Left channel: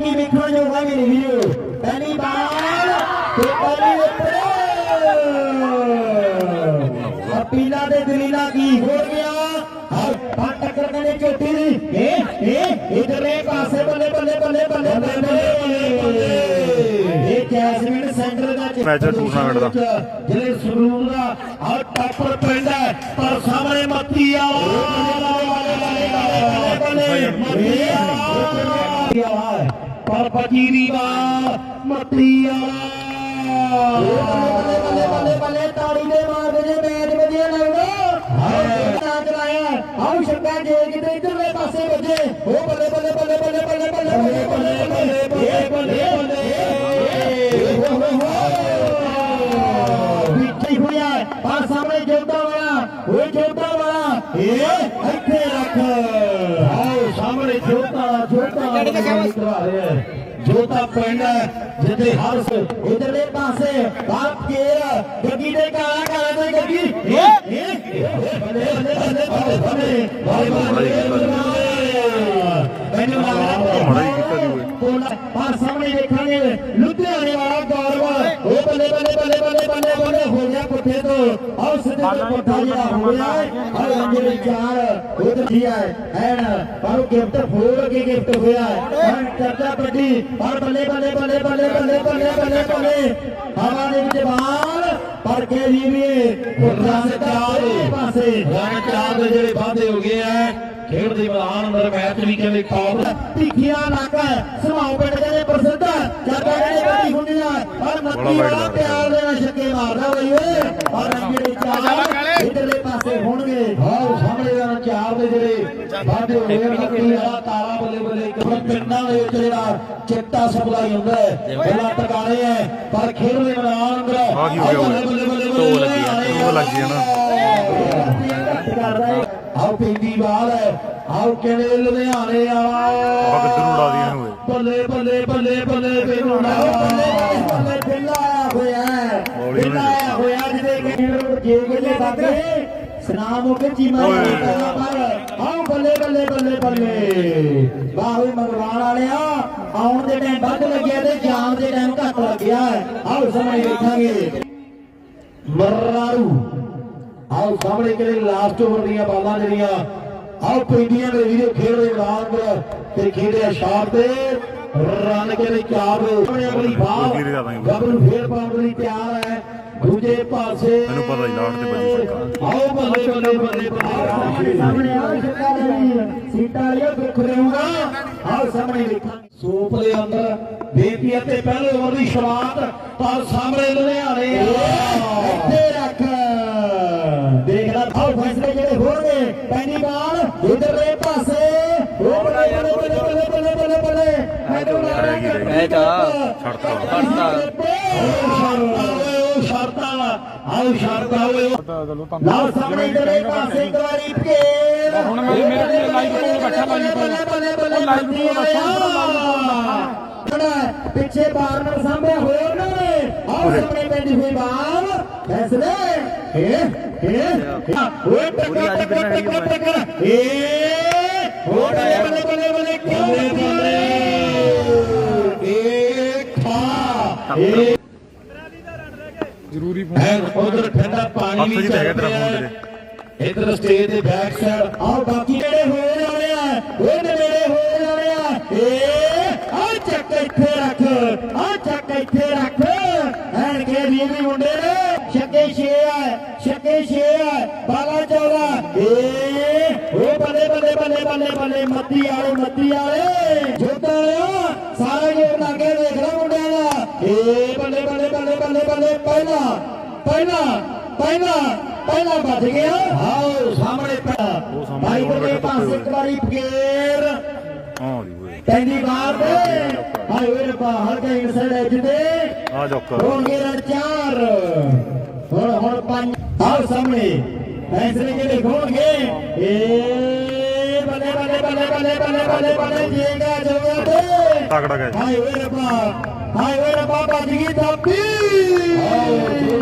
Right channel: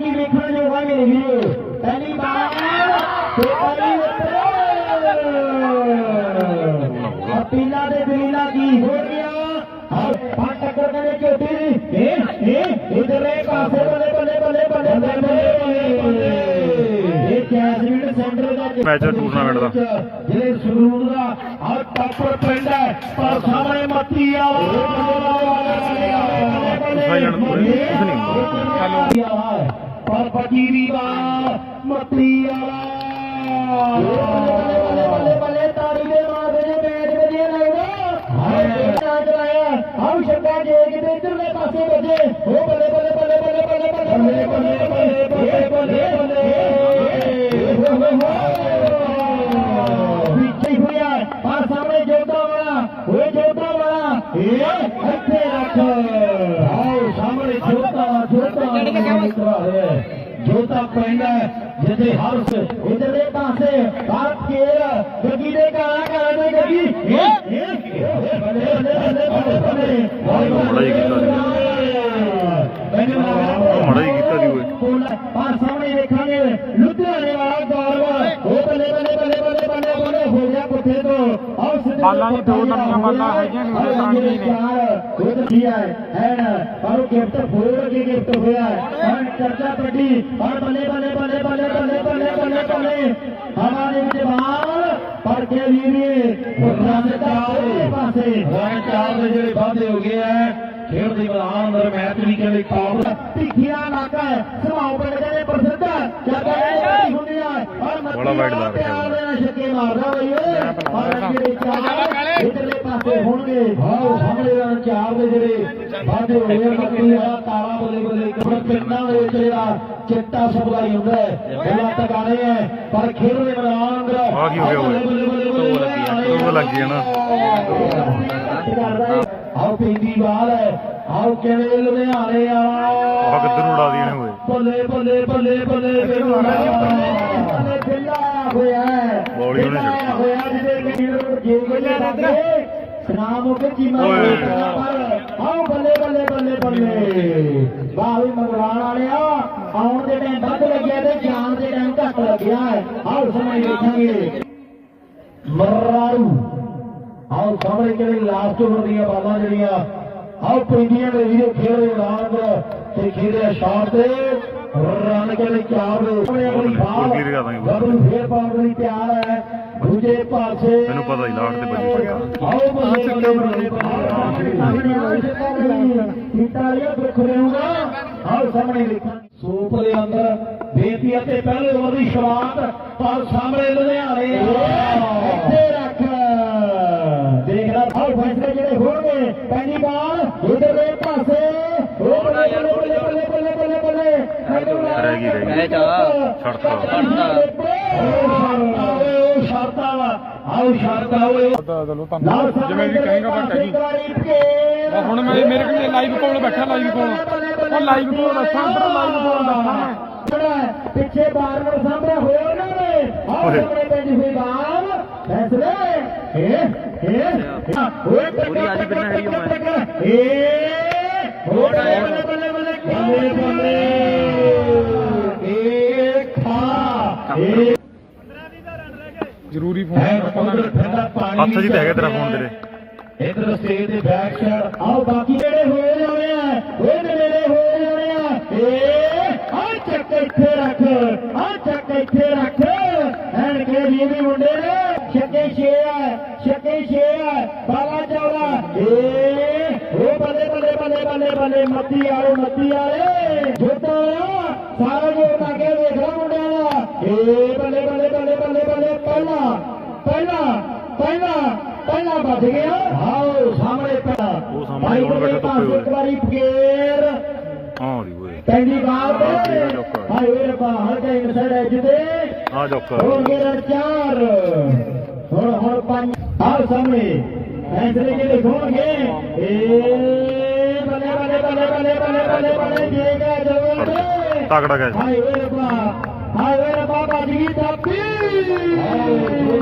ਕਿ ਵਿਖਣ ਨੂੰ ਕੋਈ ਨਹੀਂ ਵੀਰੋ ਪਹਿਲੀ ਬਾਲ ਕੋਈ ਉੱਤੇ ਪੀਲਾ ਦੇ ਦਲੀਲਾ ਕੀ ਹੋ ਗਿਆ ਹਰ ਫੱਟ ਕਰਦਣੇ ਚੋਟੀ ਦੀ ਇਹ ਇਹ ਇਧਰੇ ਪਾਸੇ ਬੱਲੇ ਬੱਲੇ ਬੱਲੇ ਬੱਲੇ ਬੱਲੇ ਬੱਲੇ ਇਹ ਕੈਸ ਰੇਡ ਸੈਂਟਰ ਦਾ ਮੈਚ ਟੂਰਨਾਮੈਂਟ ਦਾ ਜਿਹੜੇ ਸਰੂਪ ਦਾ ਹਰ ਟੱਪ ਪੈਂਦਾ ਪਰ ਸਾਹਮਣੇ ਮੱਤੀ ਆ ਉਹ ਸਾਈਨ ਨੂੰ ਨਹੀਂ ਆਵਾਜ਼ फकीरी का मतिया Yeah. ਦੇ ਆਪਕੇ ਗੱਡੀ ਦੇ ਕਾਲਾ ਕਾਲਾ ਦੇ ਗੱਡੀ ਮੜਾਈ ਕੀਤਾ ਜੀ ਉਹ ਮੜਾਈ ਕੀਤਾ ਜੀ ਓਏ ਪਰ ਸਾਹਮਣੇ ਦੇਖਾਂਗੇ ਲੁਧਿਆਣੇ ਵਾਲਾ ਦਰਵਾ ਉਹ ਬਲੇ ਬਲੇ ਬਲੇ ਬਲੇ ਬਲੇ ਬਲੇ ਹੋ ਗਿਆ ਪੁੱਠੇ ਤੋਂ ਆਹ ਸਿੱਧੇ ਪੁੱਠੇ ਤੋਂ ਮਾਰਨਾ ਹੋਇਆ ਹੈ ਜਿਹੜੇ ਚਾਰ ਉਹ ਕੀ ਹੈ ਐਨ ਪਰ ਗਿਫਟ ਫੋਰ ਕੀ ਗਿਫਟ ਹੋਇਆ ਹੈ ਚੱਲਦਾ ਬੱਡੀ ਪਰ ਬੱਲੇ ਬੱਲੇ ਬੱਲੇ ਬੱਲੇ ਬੱਲੇ ਬੱਲੇ ਬੱਲੇ ਬੱਲੇ ਹਵਾ ਦੇ ਵਿੱਚ ਬਾਲ ਪਰ ਕੇ ਜੀ ਵੀ ਪੁੱਤਰਾਂ ਦੇ ਚਾਰੇ ਪਾਸੇ ਹਰ ਚਾਰ ਦੇ ਜਿਹੜੇ ਬਾਂਦੇ ਹੋ ਗਏ ਆ ਖੇਡ ਦੇ ਮੈਦਾਨ ਅੰਦਰ ਮੈਚ ਵੀ ਕਹਿੰਦੇ ਖੌਫ ਟਿੱਖਿਆ ਲਾਕਾ ਸਮਾਉਂ ਪਿੰਡ ਦੇ ਪ੍ਰਸਿੱਧ ਜੱਗ ਦੇ ਬੱਡੀ ਹੁੰਦੇ ਆ ਪਰ ਬੜਾ ਵਾਈਡ ਲਾ ਰਿਹਾ ਤੇ ਹੁਣਗੇ ਹਾਓ ਸਮਝਦਾਰ ਚਾਰ ਦੇ ਜਿਹੜੇ ਬਾਦੇ ਹੋਏ ਨੇ ਕੀ ਆ ਤਾਰਾ ਬੱਲੇ ਬੱਲੇ ਕਿਹੜਾ ਪਿੰਡਾਂ ਦੇ ਜਿਹੜਾ ਚਿੱਟਾ ਸਪਲਾਈ ਹੁੰਦਾ ਬੋਲਾ ਟਕਾਣੇ ਹੈ ਪਰ ਖੇਡ ਦੇ ਮੈਦਾਨ ਅੰਦਰ ਆ ਗਈ ਹੋ ਗਿਆ ਓਏ ਟੋ ਲੱਗੀ ਆ ਟੋ ਲੱਗੀ ਆ ਨਾ ਆਓ ਪਿੰਡੀ ਬਾਲ ਹੈ ਆਓ ਕਿਵੇਂ ਲੁਧਿਆਣੇ ਆਣਾ ਆ ਕਿੱਧਰ ਉਡਾ ਦੀਆਂ ਓਏ ਬੱਲੇ ਬੱਲੇ ਬੱਲੇ ਬੱਲੇ ਫਿਰ ਬੱਲੇ ਬੱਲੇ ਬੱਲੇ ਬੱਲੇ ਬੱਲੇ ਬੱਲੇ ਬੱਲੇ ਬੱਲੇ ਬੱਲੇ ਬੱਲੇ ਬੱਲੇ ਬੱਲੇ ਬੱਲੇ ਬੱਲੇ ਬੱਲੇ ਬੱਲੇ ਬੱਲੇ ਬੱਲੇ ਬੱਲੇ ਸਨਾਮ ਵਿੱਚ ਹਾਂ ਬੱਲੇ ਬੱਲੇ ਬੱਲੇ ਬੱਲੇ ਬਾਹਵੇਂ ਮੰਗਵਾਣ ਵਾਲਿਆ ਆਉਣ ਦੇ ਟਾਈਮ ਵੱਧ ਲੱਗਿਆ ਤੇ ਜਾਣ ਦੇ ਟਾਈਮ ਘੱਟ ਲੱਗਿਆ ਆਓ ਸਮਝ ਲਿਖਾਂਗੇ ਮਰਾਰੂ ਆਓ ਸਾਹਮਣੇ ਕਿਹੜੇ ਲਾਸਟ ਓਵਰ ਦੀਆਂ ਬਾਲਾਂ ਜਿਹੜੀਆਂ ਆਓ ਪਿੰਡੀਆਂ ਦੇ ਵੀਰੇ ਖੇਡੇ ਉਡਾਨ ਤੇ ਖੇਡੇ ਸ਼ਾਟ ਤੇ ਰਨ ਕੇ ਲਈ ਤਿਆਰ ਹੋ ਗਏ ਬਾਹਰ ਫੇਰ ਪਾਉਣ ਲਈ ਤਿਆਰ ਹੈ ਦੂਜੇ ਪਾਸੇ ਮੈਨੂੰ ਪਤਾ ਹੀ ਲਾਟ ਤੇ ਬੱਜੂ ਸਿੱਕਾ ਆਓ ਬੰਦੇ ਚੱਲੇ ਬੰਦੇ ਸਿੱਟਾਲੀਆ ਬਖਰੂਗਾ ਹਰ ਸਾਹਮਣੇ ਦੇਖਾਂ ਸੂਪ ਦੇ ਅੰਦਰ ਬੇਪੀ ਅਤੇ ਪਹਿਲੇ ਓਵਰ ਦੀ ਸ਼ੁਰੂਆਤ ਪਰ ਸਾਹਮਣੇ ਲੁਧਿਆਣੇ ਇੱਥੇ ਰੱਖ ਦੇਖਦਾ ਫਾਲ ਫੈਸਲੇ ਜਿਹੜੇ ਹੋਣਗੇ ਪੈਣੀ ਬਾਲ ਉਧਰਲੇ ਪਾਸੇ ਰਹਿ ਗਈ ਰਹਿ ਗਈ ਇਹ ਚਲਾ ਛੱਡਤਾ ਛੱਡਤਾ ਹੁਣ ਮੇਰੇ ਮੇਰੇ ਕੋਲ ਲਾਈਵ ਕੋਲ ਬੈਠਾ ਲਾਈਵ ਕੋਲ ਉਹ ਲਾਈਵ ਕੋਲ ਬੈਠਾ ਲਾਈਵ ਕੋਲ ਬੈਠਾ ਪਿੱਛੇ ਬਾਹਰ ਨੂੰ ਸਾਹਮਣੇ ਹੋਰ ਨਾ ਨੇ ਆਪਣੇ ਪਿੰਡ ਦੀ ਫੇਬਾਰ ਫੈਸਲੇ ਹੇ ਹੇ ਹੋਏ ਪੂਰੀ ਆਦੀ ਬੰਨਾ ਹੋਈ ਮੈਂ ਹੇ ਹੋ ਬੱਲੇ ਬੱਲੇ ਬੱਲੇ ਕੀ ਬੱਲੇ ਇੱਕ ਖਾ ਹੇ ਜ਼ਰੂਰੀ ਫੋਨ ਹੈ ਉਧਰ ਠੰਡਾ ਪਾਣੀ ਵੀ ਅੱਛਾ ਜੀ ਤੇ ਹੈਗਾ ਤੇਰਾ ਫੋਨ ਤੇਰੇ ਇਧਰ ਸਟੇਜ ਦੇ ਬੈਕ ਸਾਈਡ ਆਹ ਬਾਕੀ ਜਿਹੜੇ ਹੋਏ ਜਾ ਰਹੇ ਆ ਇਹਦੇ ਮੇਰੇ ਹੋਏ ਜਾ ਰਹੇ ਆ ਏ ਆ ਚੱਕ ਇੱਥੇ ਰੱਖ ਆ ਚੱਕ ਇੱਥੇ ਰੱਖ ਐਂ ਕੇ ਵੀ ਵੀ ਮੁੰਡੇ ਨੇ ਛੱਕੇ ਛੇ ਆ ਛੱਕੇ ਛੇ ਆ ਬਾਲਾ ਚਾਲਾ ਏ ਓ ਬੱਲੇ ਬੱਲੇ ਬੱਲੇ ਬੱਲੇ ਬੱਲੇ ਮੱਤੀ ਆਓ ਮੱਤੀ ਆਲੇ ਜੋਤਾ ਭੱਜ ਗਿਆ ਆਓ ਸਾਹਮਣੇ ਪਿਆ ਉਹ ਸਾਹਮਣੇ ਹੁਣ ਬੈਠਾ ਧੁੱਪੇ ਹੋਏ ਇੱਕ ਵਾਰੀ ਫੇਰ ਹਾਂ ਜੀ ਹੋਏ ਕਹਿੰਦੀ ਬਾਹਰ ਭਾਈ ਵੀਰ ਪਾ ਹਰ ਕੇ ਇਸੜੇ ਜਿੱਤੇ ਆ ਜੋਕਰ ਹੋ ਗਿਆ ਚਾਰ ਹੁਣ ਹੋਰ ਪੰਜ ਹਰ ਸਾਹਮਣੇ ਫੈਸਲੇ ਕੇ ਗਏ ਇਹ ਬੱਲੇ ਬੱਲੇ ਬੱਲੇ ਬੱਲੇ ਬੱਲੇ ਬੱਲੇ ਬੱਲੇ ਜੀ ਗਿਆ ਜੋਗਿਆ ਤੇ ਤਕੜਾ ਗਿਆ ਭਾਈ ਵੀਰ ਪਾ ਭਾਈ ਵੀਰ ਪਾ ਭੱਜ ਗਈ ਤਾਪੀ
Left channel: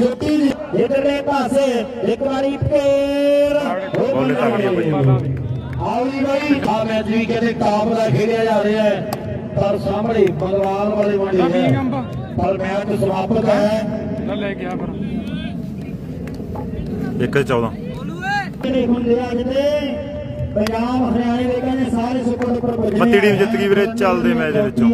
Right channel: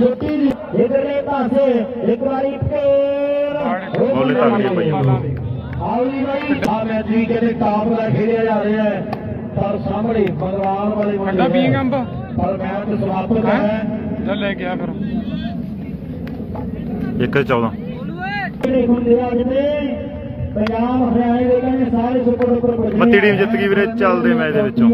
ਛੋਟੀ ਜੀ ਇਧਰਲੇ ਪਾਸੇ ਇੱਕ ਵਾਰੀ ਫੇਰ ਬੋਲੇ ਤਗੜੀਆਂ ਪਈਆਂ ਆਉਣੀ ਬਾਈ ਆ ਮੈਚ ਵੀ ਕਿਤੇ ਟਾਪ ਦਾ ਖੇਡਿਆ ਜਾ ਰਿਹਾ ਹੈ ਪਰ ਸਾਹਮਣੇ ਬਲਰਾਮ ਵਾਲੇ ਬੰਦੇ ਮੁੰਡੇ ਪਰ ਮੈਚ ਸਮਾਪਤ ਹੈ ਲੈ ਗਿਆ ਫਿਰ 1 14 ਬੋਲੂ ਏ ਕਿਹਨੇ ਗੁੱਲੇ ਅੱਜ ਦੇ ਪੰਜਾਬ ਹਰਿਆਣੇ ਦੇ ਕਹਿੰਦੇ ਸਾਰੇ ਸੁਪਰ ਉੱਪਰ ਮੱਤੀ ਟੀਮ ਜਿੱਤ ਗਈ ਵੀਰੇ ਚੱਲਦੇ ਮੈਚ ਦੇ ਵਿੱਚੋਂ